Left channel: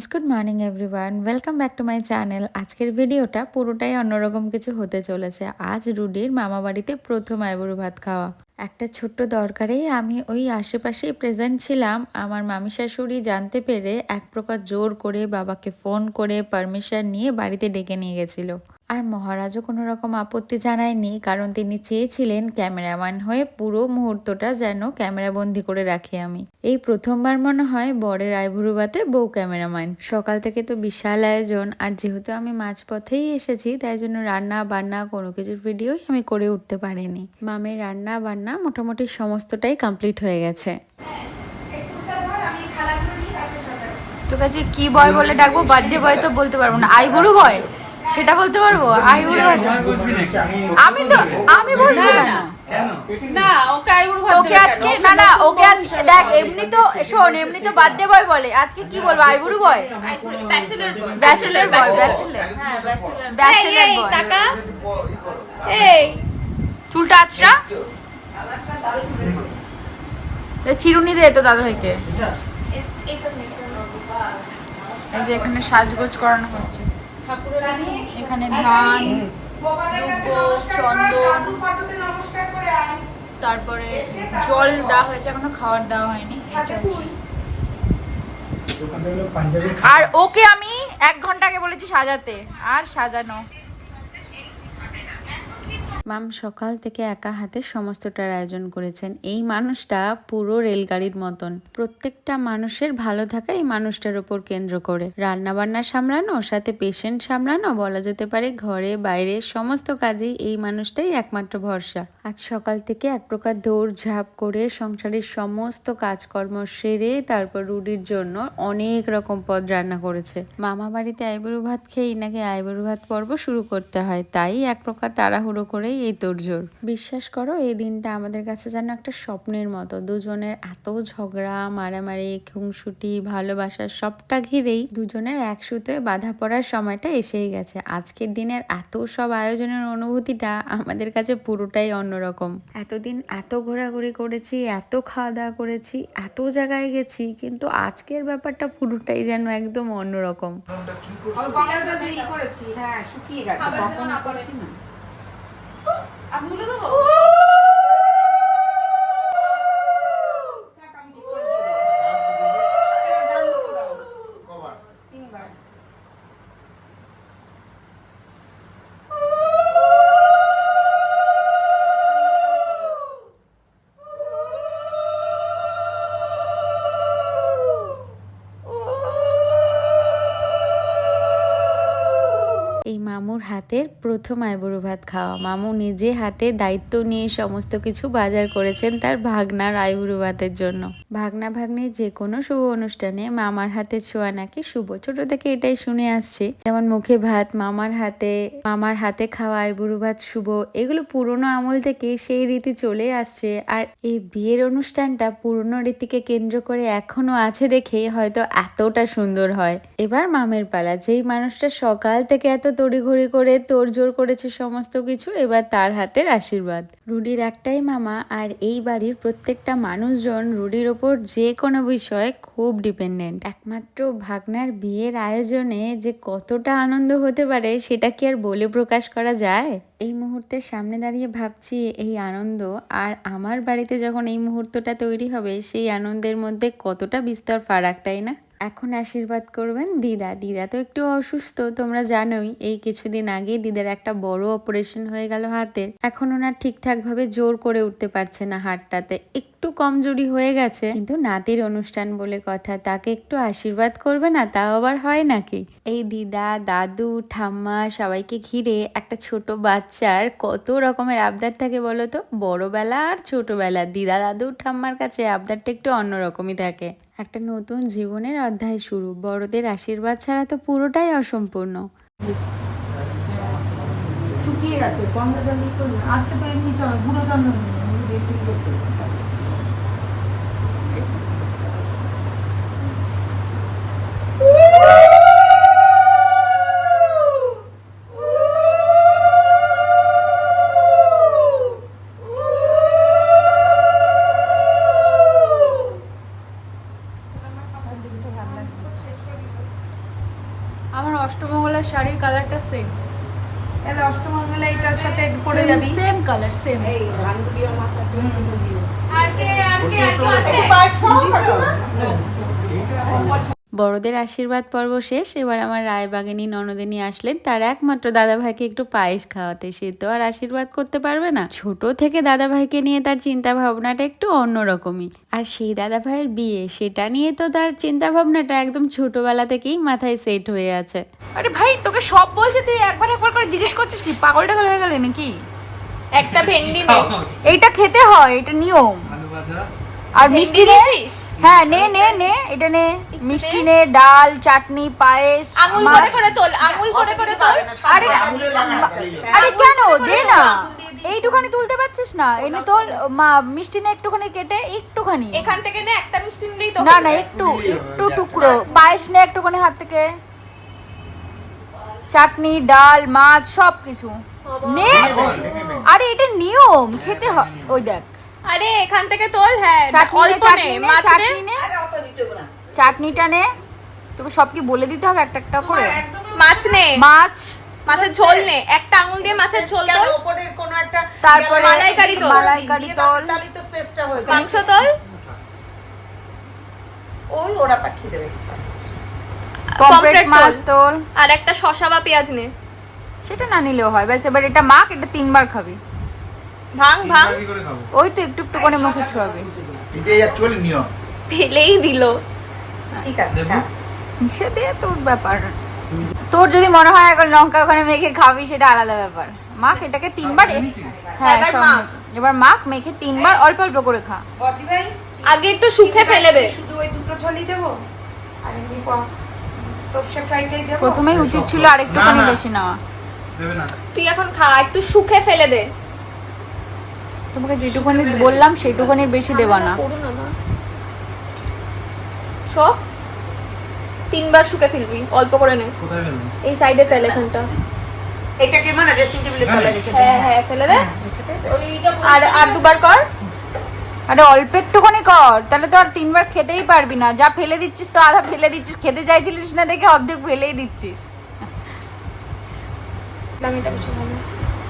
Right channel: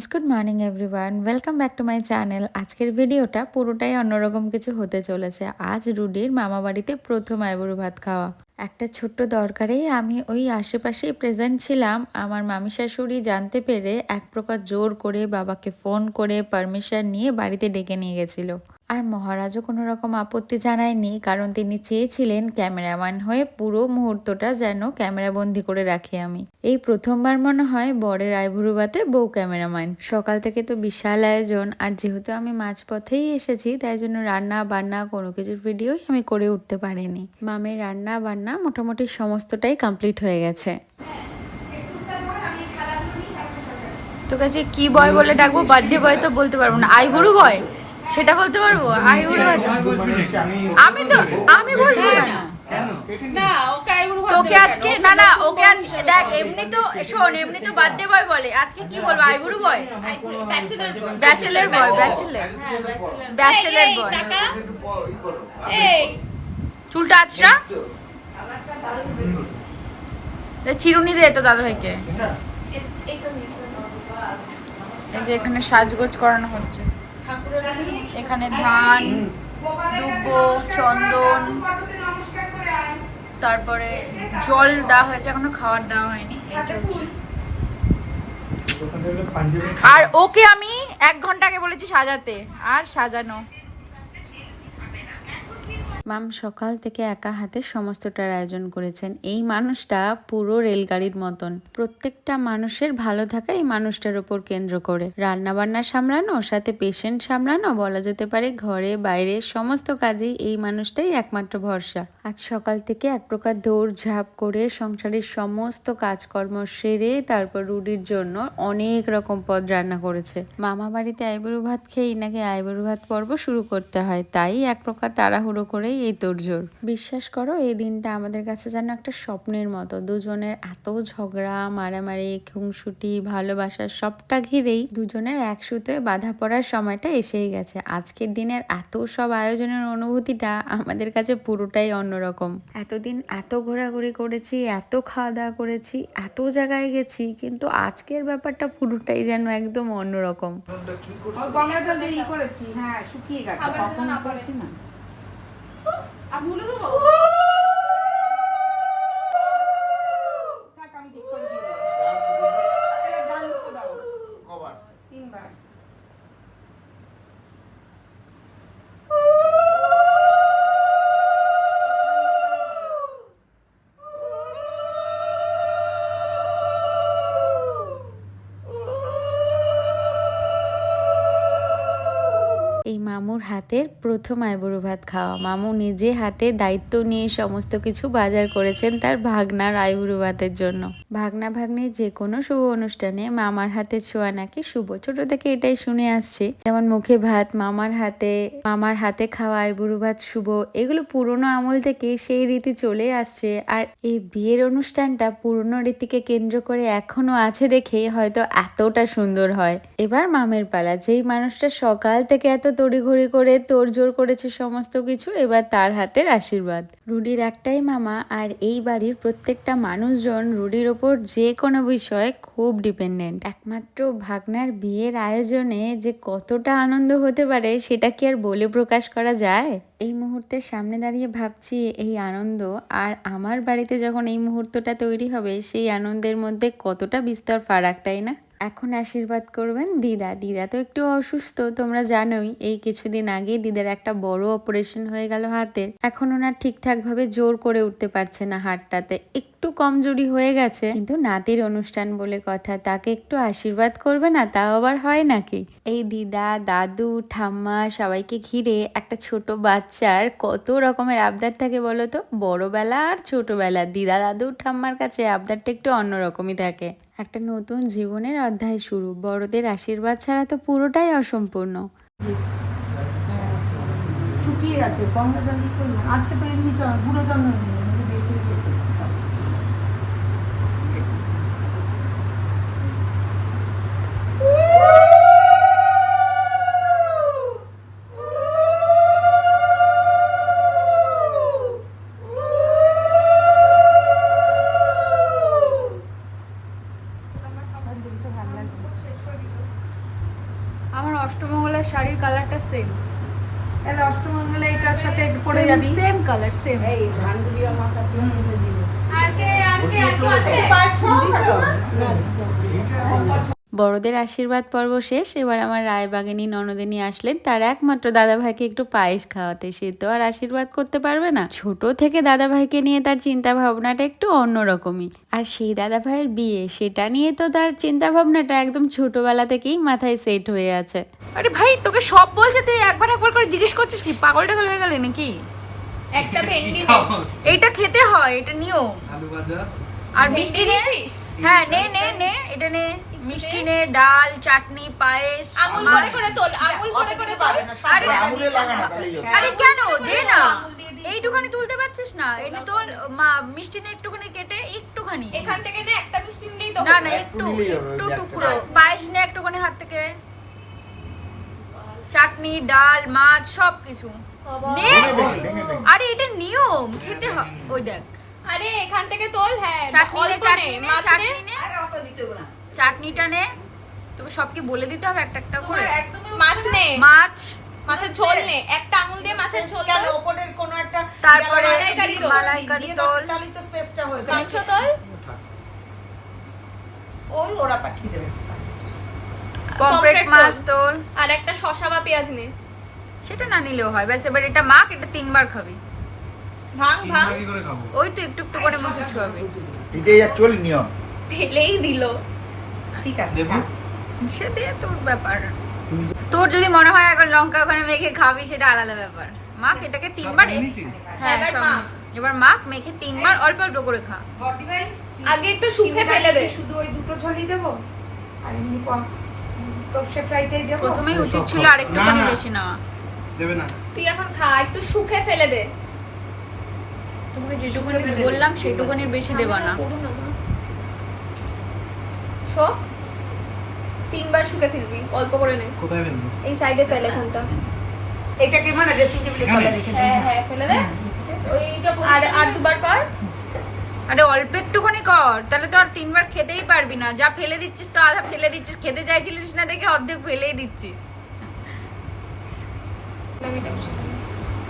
Friends good morning everyone welcome back to my channel আজকের ভিডিওটা পুরোটাই অন্যরকম কিছু হতে চলেছে। আজ রুডির মামা বাড়িতে প্রথম আইবুড়ো ভাত খাওয়া। একটা ছোট্ট দরকারেই আমি ওই আশেপাশেই প্রেজেন্ট ছিলাম। আমার মামি শাশুড়ি জানতে পেরে এক প্রকার জোর করে বাবাকে ফোন করে পারমিশন নিয়ে বাড়িতে ডেকে নিয়ে গেছিল। আর মহারাজও কোনো রকম আপত্তি জানায়নি, কারণ তিনি চেয়েছিলেন ক্যামেরাম্যান হয়ে পুরো মুহূর্তটা যেন ক্যামেরাবন্দি করে রাখি আমি। এই প্রথমবার মনে হয় বরের আইভুরুবাতে বউ ক্যামেরাম্যান। সকাল থেকে তো বিশাল আয়োজন, আর যেহেতু আমি মাঝপথেই এসেছি, তাই জন্য রান্না বান্না কোনো কিছুর ভিডিওই আমি করে উঠতে পারিনি। মামের রান্না বান্না মোটামুটি সমস্তটাই কমপ্লিট হয়ে গেছে। তোর কাছে কি বয় বলে ডাকবো, বার্থডে বয় তো বলতে পারব না। আইবুড়ো বয়? সেটা বলতে পারব? আইবুড়ো বয় আমি তো আমি বসবো কেন? তোকে আজকে না না ওকে আজ দেখ এমনি তো শোন এমনি তো বার্থডে বয় বলে। আজকে কি বলব আইবুড়ো boy? Bachelor boy. Bachelor bachelor. Boy. এই। চুলটা আছড়া? চিরুনি দে তো দাদা ভাইকে এই যে এখানে সাজগোজ করানো হচ্ছে। এখানে ধান চন্দন। তারপরে জল দেওয়া হয়েছে এখনও খাবার দেওয়া হয়নি। আর ওকে আমি এক ঘণ্টা আগে বলেছি সাজাতে আর সাজানো। মাম সকাল থেকে একা হাতে সমস্তটার আয়োজন করেছেন। এই মানুষটা পুরো রেলগাড়ির মতন। প্রত্যেকটা মানুষের ভালো থাকা এই মানুষটার উপর কেন্দ্র করে। রান্না বান্না সামলানো, সাথে পেশেন্ট সামলানো, বলা যেতে পারে ঘরে, বাইরে, সমস্ত কাজেই এই মানুষটাই একমাত্র ভরসা। আজ সকাল থেকে এক প্রকার দৌড় ঝাঁপ করে সংসারের সমস্ত কাজকর্ম সেরে তারপর রুডির জন্য অনেক রকম পদ রান্না করেছে। মামা বাড়িতে আইবুড়ো ভাত খেয়েই নাকি আইবুড়ো ভাত পর্ব শুরু করতে হয়। তাই এক প্রকার তাড়াহুড়ো করেই এই তোড়জোড়। বিশ্বাস করো, এই দিনটা আমাদের কাছে যেন একটা স্বপ্নের মতো। দুজনের এত ঝগড়া, মারামারি খুংসুটি ভালোবাসা সবটা ঘিরেই দুজনের একসুতে বাধা পড়ার সময়টা এসেই গেছে। আজকের দিনের এত সব আয়োজনের অনুভূতিটা আমাদের কাছে পুরোটাই অন্যরকম। এতদিন এত ঘোরাঘুরি করেছি, এত খাওয়া দাওয়া করেছি, এত জায়গায় গেছি, কিন্তু আজকের ব্যাপারটা পুরোটাই যেন একদম অন্যরকম। করেছি তখন ই করছি এই মামুর হাতের প্রথম আইবুড়ো ভাত খাওয়া। মামু নিজে হাতে দায়িত্ব নিয়ে সমস্ত কিছু বাজার করেছেন তার ভাগনার আইবুড়ো ভাতের জন্য। ভাগনা ভাগ্নে যে কোনো শুভ অনুষ্ঠানে মামার হাতে ছোঁয়া নাকি শুভ। ছোট থেকে এটাই শুনে আসছে। যেমন মুখে ভাত, মামার হাতে মামার হাতে খাওয়া আইবুড়ো ভাত শুভ, এগুলো পুরনো আমল থেকে সেই রীতি চলে আসছে। আর এই বিয়ের অনুষ্ঠানটা পুরনো রীতিকে কেন্দ্র করে এখনও আছে দেখে হয়তো এতটা সুন্দর হয়। এবার মামের পালা, যেই মানুষটা সকাল থেকে এত তড়িঘড়ি করে তোড়জোড় করেছে সমস্ত কিছু, এবার তার হাতের আশীর্বাদ। রুডির একটাই মামা আর এই বাড়ির প্রত্যেকটা মানুষজন রুডির ওপর যে কোনো বিষয়ে খুব ডিপেন্ডেন্ট। একমাত্র ভাগনার বিয়ের আয়োজনে যে কতটা আনন্দ হতে পারে, সেটা কি আর বলে প্রকাশ করা যায়? এই মুহূর্তের সামনে দাঁড়িয়ে ভাবছি এই আনন্দ আর আমার বাড়িতে যখন এই মুহূর্তটা তৈরি হবে, সেই আনন্দের মধ্যে কতটা বিস্তর ফারাক, তাই না? এখন আশীর্বাদ করবেন দিদা। দিদা তো একটু অসুস্থ, তোমরা জানোই, এই কিছুদিন আগে দিদার একটা বড় অপারেশন হয়ে গেল হাতের। এখন ওনার ঠিকঠাক ভাবে জোর করে উঠতে পারছে না হাতটাতে। একটু কমজোরি হয়ে গেছে। কিন্তু নাতির অনুষ্ঠান বলে কথা, তাকে একটু আশীর্বাদ করবে না তাও আবার হয় নাকি? এই দিদা, দাদু, ঠাম্মা সবাইকে ঘিরে একটা ছোট বাচ্চার কত রকমের আবদার থাকে বলো তো? বড়বেলা আর ছোটবেলা। দিদা, দাদু, ঠাম্মার কাছে আবদারটা একটু অন্যরকমই থাকে। একটা নতুন জীবনের অধ্যায় শুরু। বড়দের আশীর্বাদ ছাড়া তো পুরোটাই অসম্পূর্ণ। শুকিয়ে গেছে আজকে তো এমনি শাড়ির কালারটা সেম তাহলে অষ্টমঙ্গলা এটার সাথে পরে যাবি সেম কালার সেম এই ভান্ডুবি মাথা আর কে আর কে আর কে আছে বড়দের আশীর্বাদ পর্ব শেষ। এবার আমার রায়বাগিনী ননদিনী আসলেন। তার একমাত্র দাদাভাইকে একটু পায়েস খাওয়াতে। সে তো আর আশীর্বাদ করতে পারবে না। ছোট থেকে দাদাভাইকে নিয়ে তার চিন্তা ভাবনাটা একটু অন্যরকমই। আর সেই দাদাভাইয়ের বিয়ে সেটা নিয়ে তো তার চিন্তা ভাবনাটা একদম ছোটবেলা থেকেই মাথায় সেট হয়ে আছে। আরে ভাই তোকে সব বলছে তুই একবার একবার করে জিজ্ঞেস করছিস কি? পাগল টাগল হয়ে গেলে নাকি? একটা ভেন্ডি এইটা খেতে হয় এটা নিয়ম। আর মিষ্টি নিয়েছিস? হ্যাঁ নে নে নে এটা নে। মিষ্টি নে ডাল চাটনি পায়েস আঙুল মাছ করে করে তোল আঙুল করে করে তোল। আরে আরে কেন? দে না। এইটুখানি তুলতে পারছিস না। এনে তোল মা মিষ্টি নে একটুখানি কেটে একটুখানি। এখান থেকে না একটা মিষ্টি নিলেই তো না না একটু একটু টুকরো। পায়েস নে একটুখানি হাত থেকে। চাটনি ডাল মাছ সব কিছু নে। আরে এটা নিয়ম। খেতে হয় ওই দেখ। আরে এখান থেকে তোল হ্যাঁ চাটনিটা নে তোকে সব কি বলে দিতে হবে একটা একটা করে। মাছ নে। মাছ। মাছের ঝোল নে একটা আঙুল দিয়ে মাছের ঝোল তারপরে মালাইকারি তোল। মালাইকারি তোল। মাংস তোল। ওই ওরা পাঠিয়ে দেবে। পমফ্রেট মাছ তোল। তোল। আর একটা শসা বা পেঁয়াজ নে। সেটা না নিলেও হয়। ব্যাস এবার এটা মাখ এটা তিনবার খাবি। ভাং ভাং ওই তো একটু একটু করে মুখে ছোঁয়াবে। এটাই অ্যাকচুয়ালি নিয়ম। ফেলেই দিল। ঠিক আছে সে দিয়ে তোর ব্যাপার। তোর যদি মনে হয় এখন লঙ্কা ওখানে মেখে খাবি সেটা আলাদা ব্যাপার। মাখ এটাকে তিনবার হ্যাঁ সব এবার মাখ মেখে তিনবার অল্প অল্প করে খা। আগে একটু শুকে ফেলে দে। শুধু ওই দুটো ছলি দেবো আর এমনি প্রথমেই উচিত ছিল আরেকটুখানি। বেশি নেওয়া। দেবে না। তুই এখন খা একটু শুকে ফেলে দে। তোমাকে যেটুকুনি বললাম সেটুকুনি বেশি দেবা না। শো। তিনবার শুকে ফেলবি অল্প করে নে। কোথায় ফেলবেন এই সাইডে ফেল এটাকে মানে ড্রেসিং টেবিলে রেখে দে হ্যাঁ হ্যাঁ ফেলে দে। আর আর দুবার কর। আরে অল্প একটুখানি কর তাহলে তো আর তিনবার খেতেই পারবি না। যা ফেলে দিচ্ছিস তো আধা ফেলে দিচ্ছিস। খেতে চাইছিলিস না দেখে অর্ধেক ফেলেই দিচ্ছিস।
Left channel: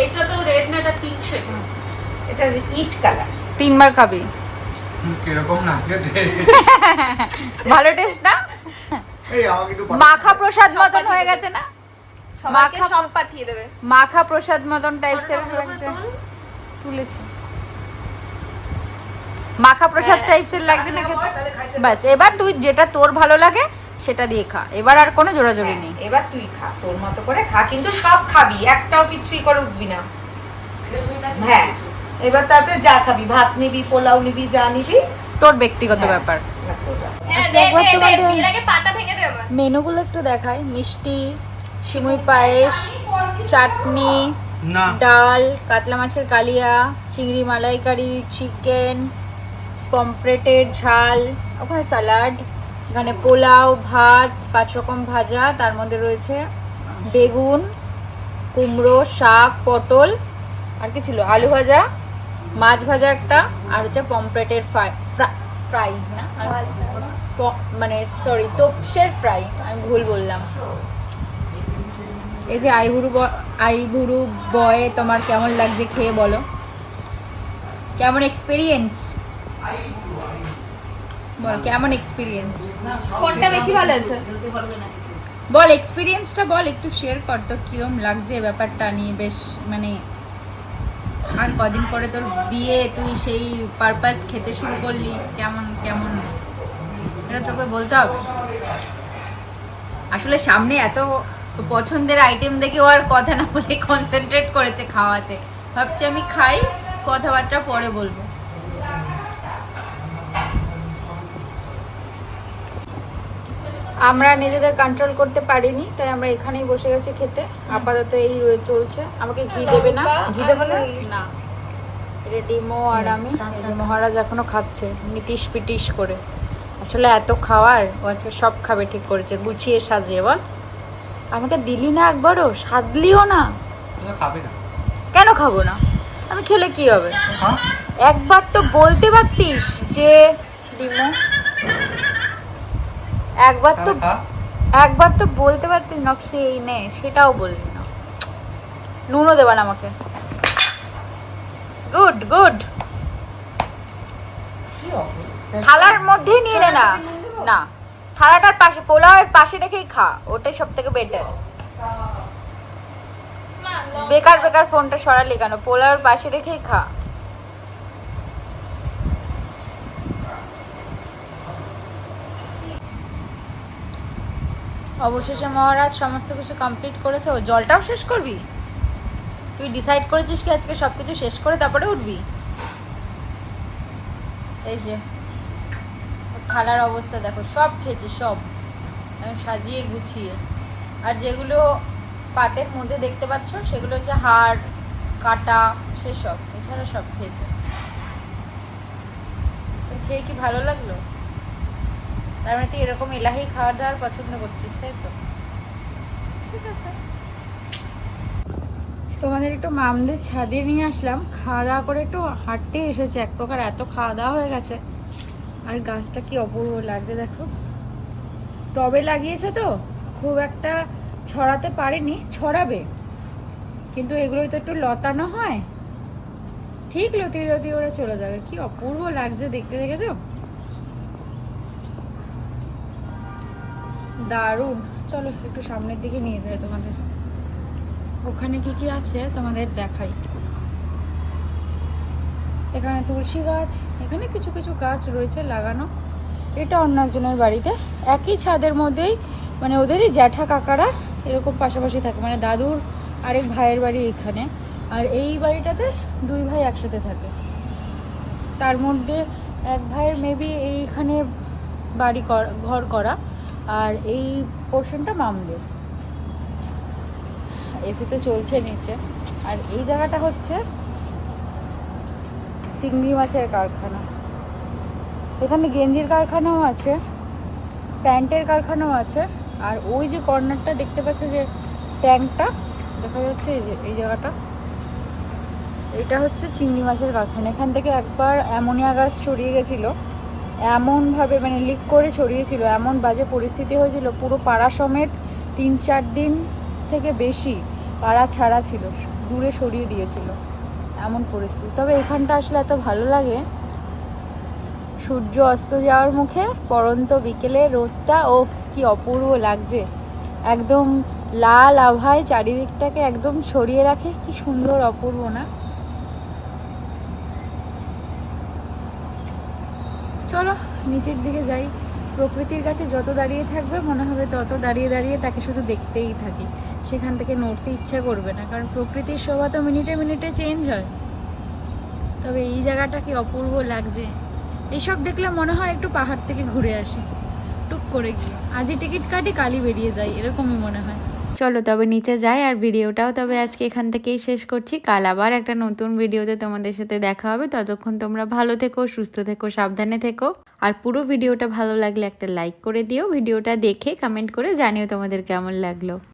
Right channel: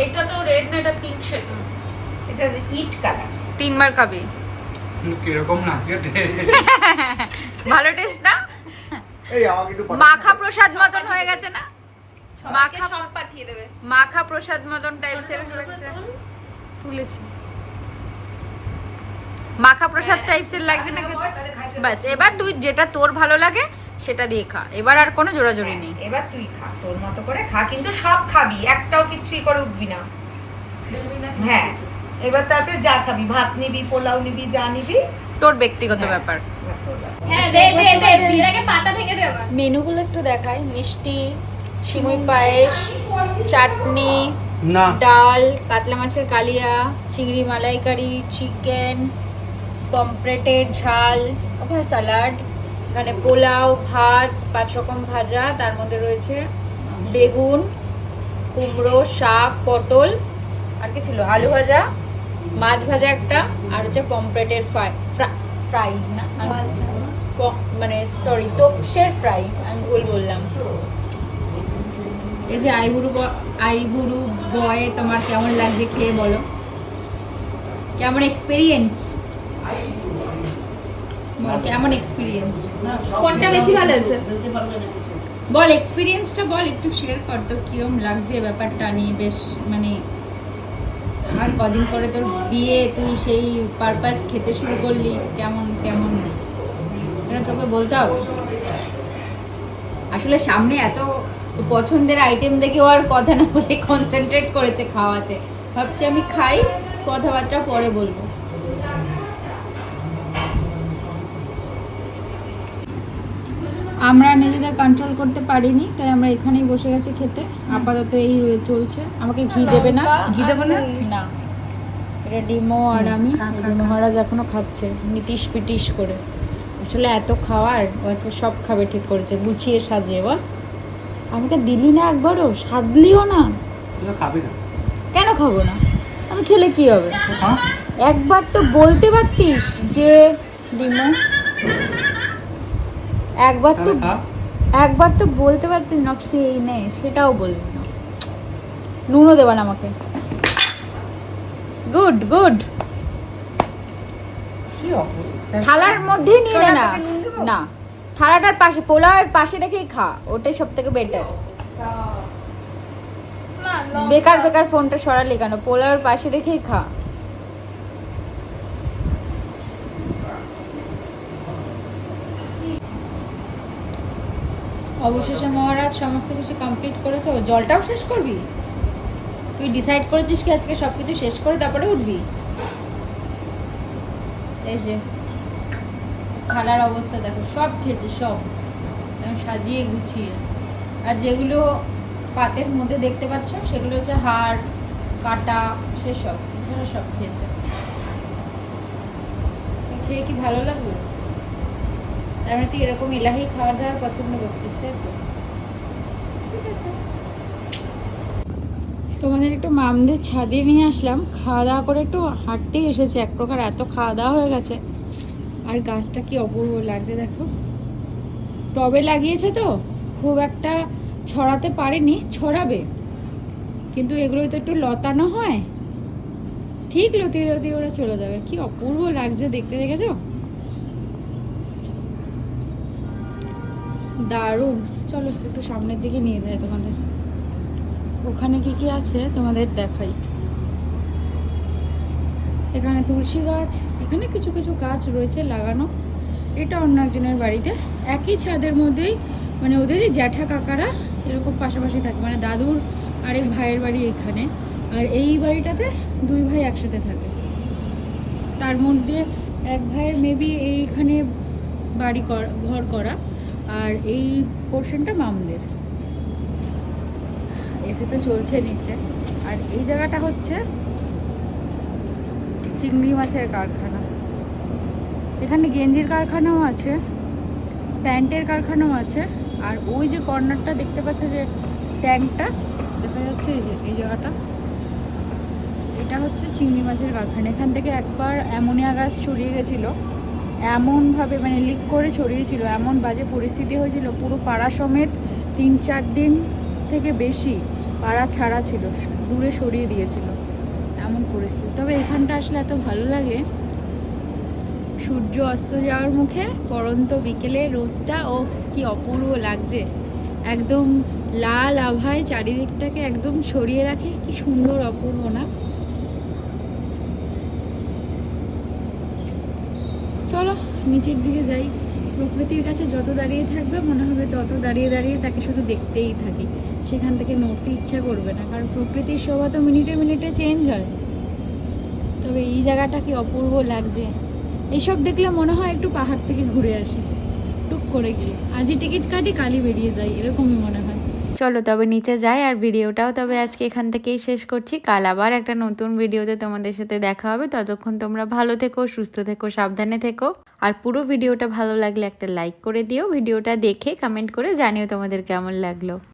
এইটা তো রেড না এটা পিঙ্ক শেড এটা ইট কালার তিনবার খাবি। কীরকম না? ভালো টেস্ট না? মাখা প্রসাদ মতন হয়ে গেছে না? মাখা সব পাঠিয়ে দেবে। মাখা প্রসাদ মতন টাইপসের লাগছে? তুলেছি। মাখা প্রসাদ টাইপসের লাগছে না খেতে? বাস এবার তুই যেটা তোর ভালো লাগে সেটা দিয়ে খা। এবার আর কোনো জোরাজোরি নেই। এবার তুই খা তোর মতো করে খা কিন্তু সব খাবি একটাও কিছুই করে উঠবি না? হ্যাঁ। এবার তারপরে যা খাবি ভাত নিবি পোলাও নিবি যা নিবি। তোর ব্যক্তিগত ব্যাপার। হ্যাঁ পাতা ভেঙে দে আবার। মেনুগুলো একটু দেখাই। মিষ্টি সিমুই পায়েস চাটনি ডাল কাতলা মাছের কালিয়া চিংড়ি মালাইকারি চিকেন পমফ্রেটের ঝাল ওখানে স্যালাড এখানে পোলাও ভাত পাঁচ রকম ভাজা তার মধ্যে রয়েছে বেগুন কুমড়ো শাক পটল আর কি ছিল আলু ভাজা মাছ ভাজা একটা আর হচ্ছে পমফ্রেটের ফ্রাই ফ্রাই না? মানে সরি তোপসের ফ্রাই আমি ভুল বললাম। এই যে আইবুড়ু আইবুড়ু বয় তোমার কেমন লাগছে খেয়ে বলো। কেমন এক্সপিরিয়েন্স কেমন এক্সপিরিয়েন্স কোনটা বেশি ভালো আছে বল এক্সপিরিয়েন্সটা বল একটু শেয়ার কর তোর কিরম লাগছে ব্যাপারটা নিয়ে বেশ মানে আর কদিন পরে তোর বিয়ে, তুই সেই পারপাস খেতে শুরু করলি, কেমন কেমন? এটা তোকে বলতে হবে? আসলে সামনে এত পছন্দের আইটেম দেখেও আর কথা না বলে কনসেন্ট্রেট করেছে খাওয়াতে। ভাবছি আমি খাই, কথাবার্তা পরে বলব। আমরা নিজেদের কন্ট্রোল করতে পারিনি তাই আমরা এখানেই বসে গেছি খেতে। আপাতত এই রয়ে- চলছে। আমাকে ঘি দেবে না? ঘি দেবে না? না। এটা ডিমো আর আমি। মহারাজ এখনও খাচ্ছে মিটিশ পিটিশ করে। আসলে এত খাওয়ার ও আজকে সব খাবে ঠিক করেছে গুছিয়ে সাজিয়ে বল। আমাকে দিলি না একবারও? সাজলিও না? খাবি না। কেন খাব না? আমি খেলে কি হবে? হ্যাঁ? একবার তো বলতে পারতিস যে ডিমো একবার তো একবার তো বলতে পারতি নকশি এই নে সেটাও বললি না। নুনও দেবেন আমাকে। গুড গুড। থালার মধ্যেই নিয়ে না? না। থালাটার পাশে পোলাওয়ের পাশে রেখেই খা ওটাই সব থেকে বেটার বেকার বেকার ফোনটা সরালি কেন? পোলাওয়ের পাশে রেখেই খা। অবশেষে মহারাজ সমস্ত কিছু কমপ্লিট করেছে। ও জলটাও শেষ করবি? তুই ডিসাইড করেছিস কি আজকে সব কিছু শেষ করে তারপরে উঠবি? এই যে, থালার অবস্থা দেখো, সব খেয়েছে, সব। সাজিয়ে গুছিয়ে। আর যেগুলো পাতের মধ্যে দেখতে পাচ্ছ, সেগুলো হচ্ছে হাড়, কাটা, সেসব। এছাড়া সব খেয়েছে। খেয়ে কি ভালো লাগল? তার মানে তুই এরকম এলাহি খাওয়ার দাওয়ার পছন্দ করছিস ঠিক আছে। তোমাদের একটু মামদের ছাদে নিয়ে আসলাম, খাওয়া দাওয়া করে একটু হাঁটতে এসেছে, এক প্রকার এত খাওয়া দাওয়া হয়ে গেছে। আর গাছটা কি অপূর্ব লাগছে দেখো। টবে লাগিয়েছে তো, খুব একটা ছড়াতে পারেনি, ছড়াবে। কিন্তু এগুলো তো একটু লতানো হয়। ঠিক লতি লতি ওরা চলে যাবে, কি অপূর্ব লাগছে দেখতে, দেখেছ? দারুণ। চলো, একটু সামনের দিকে নিয়ে যাই তোমাদের। ওখানে কি কি আছে তোমাদের দেখাই। এখানে তুলসী গাছ, এখানে কিছু কিছু গাছ রয়েছে লাগানো। এটা অন্য একজনের বাড়িতে। একই ছাদের মধ্যেই মানে ওদেরই জ্যাঠা কাকারা এরকম পাশাপাশি থাকে। মানে দাদুর আরেক ভাইয়ের বাড়ি এখানে। আর এই বাড়িটাতে দুই ভাই একসাথে থাকে। তার মধ্যে এক ভাইয়ের মেবি এইখানে বাড়ি ঘর করা। আর এই পোর্শনটা মামদের এসি তো চলছে নিচে। আর এই জায়গাটা হচ্ছে চিংড়ি মাছের কারখানা। এখানে গেঞ্জির কারখানাও আছে, প্যান্টের কারখানাও আছে, আর ওই যে কর্নারটা দেখতে পাচ্ছ যে ট্যাঙ্কটা দেখা যাচ্ছে এই যে, এই জায়গাটা। এটা হচ্ছে চিংড়ি মাছের কারখানা। এখান থেকে একবার অ্যামোনিয়া গ্যাস ছড়িয়ে গেছিল। এমনভাবে মানে লিক করে ছড়িয়েছিল, এমন বাজে পরিস্থিতি হয়েছিল, পুরো পাড়া সমেত তিন চার দিন থেকে বেশি পাড়া ছাড়া ছিল, দূরে সরিয়ে দিয়েছিল, এমন পরিস্থিতি। তবে এখানটা আসলে এত ভালো লাগে। সূর্য অস্ত যাওয়ার মুখে পরন্ত বিকেলে রোদটা ও কি অপূর্ব লাগছে। একদম লাল আভায় চারিদিকটাকে একদম ছড়িয়ে রাখে, কি সুন্দর অপূর্ব না? চলো, নিচের দিকে যাই। প্রকৃতির কাছে যত দাঁড়িয়ে থাকবে, মনে হবে তত দাঁড়িয়ে দাঁড়িয়ে তাকে শুধু দেখতেই থাকি। সেখান থেকে নড়তে ইচ্ছা করবে না, কারণ প্রকৃতির শোভা তো মিনিটে মিনিটে চেঞ্জ হয়। তবে এই জায়গাটা কি অপূর্ব লাগছে। এইসব দেখলে মনে হয় একটু পাহাড় থেকে ঘুরে আসি। টুক করে গিয়ে। আজই টিকিট কাটি কালি বেরিয়ে যাই, এরকমই মনে হয়। চলো তবে নিচে যাই আর ভিডিওটাও তবে আজকে এখান থেকেই শেষ করছি। কাল আবার একটা নতুন ভিডিওতে তোমাদের সাথে দেখা হবে। ততক্ষণ তোমরা ভালো থেকো, সুস্থ থেকো, সাবধানে থেকো। আর পুরো ভিডিওটা ভালো লাগলে একটা লাইক করে দিও। ভিডিওটা দেখে কমেন্ট করে জানিও তোমাদের কেমন লাগল।